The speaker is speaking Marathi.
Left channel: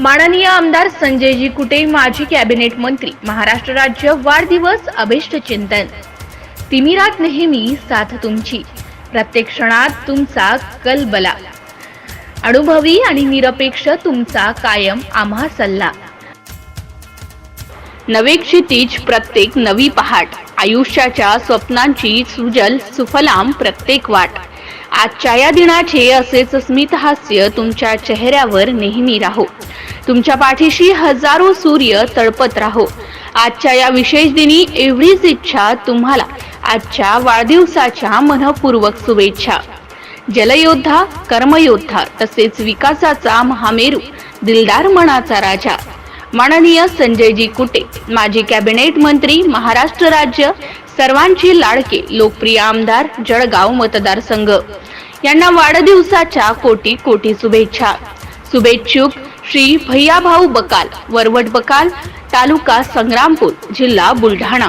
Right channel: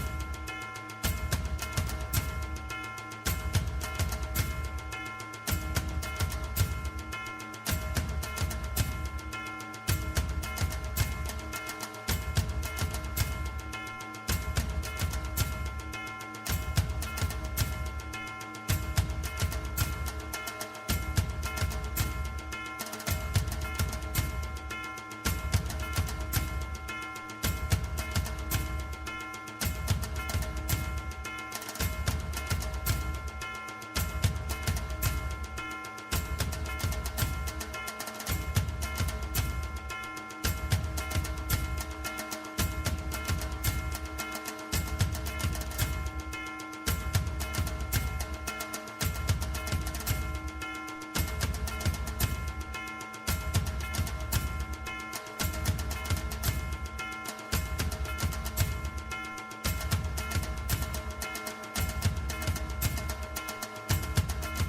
माननीय आमदार संजयजी कुटे, माजी कॅबिनेट मंत्री, महाराष्ट्र राज्य, वाढदिवस अभिष्ट चिंतन। तिमिरात नेहमी साथ तुमची, प्रत्येक क्षणात तुमचा कलबला, अनुभवी आणि निरपेक्ष तुमचा कायम आम्हा सल्ला। नवे क्षितिज प्रत्येक नवी पहाट, आयुष्याच्या स्वप्नांची सुजल सुफलाम प्रत्येक वाट। आजच्या या दिनाचे असेच स्मित हास्य तुमच्या चेहऱ्यावर नेहमी राहो, तुमच्या पाठीशी हजारो सूर्य तळपत राहो। आजच्या या विशेष दिनी एवढीच इच्छा तुम्हाला, आजच्या वाढदिवसाच्या मनपूर्वक शुभेच्छा। जलयोद्धा, कर्मयोद्धा तसेच विकासाचा महामेरू, दिलदार मनाचा राजा, माननीय संजयजी कुटे, माजी कॅबिनेट मंत्री, महाराष्ट्र राज्य, सर्वांचे लाडके लोकप्रिय आमदार, जळगाव मतदारसंघ यांना वाढदिवसाच्या कोटी कोटी शुभेच्छा। शुभेच्छुक श्री भैयाभाऊ बकाल, वरवट बकाल, तालुका संग्रामपूर, जिल्हा बुलढाणा।